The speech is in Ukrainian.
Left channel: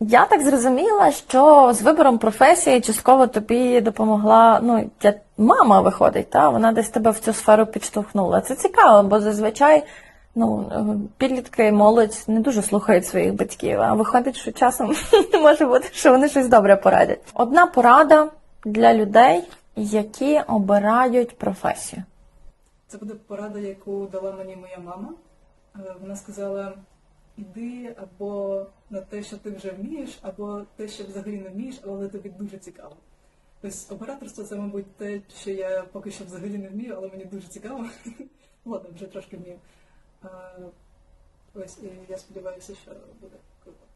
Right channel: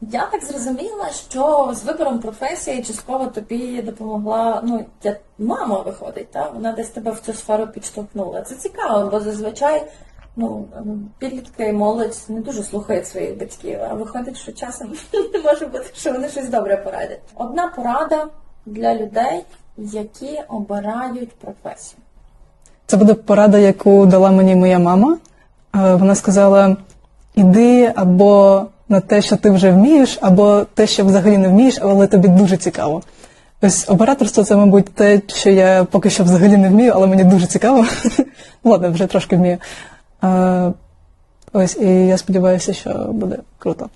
Я так зрозуміла, що з вибором професії частково тобі допомогла. Ну, я, мама виходить, та вона десь тебе в цю сферу підштовхнула. Це цікаво, бо зазвичай ну, підлітки молодь не дуже слухають своїх батьків, а виходить, що часом може бути, що вони щось добре порадять. Одна порада для людей, які обирають професію. Це буде порада, яку дала мені моя мама. Е, Вона сказала: іди або на те, що ти вже вмієш, або те, що взагалі не вмієш, але тобі дуже цікаво. Ось операторство це, мабуть, те, що я поки що взагалі не вмію, але мені дуже цікаво. Ладно, вже трошки вмію. Е, Ось, і я сподіваюся, що буде круто.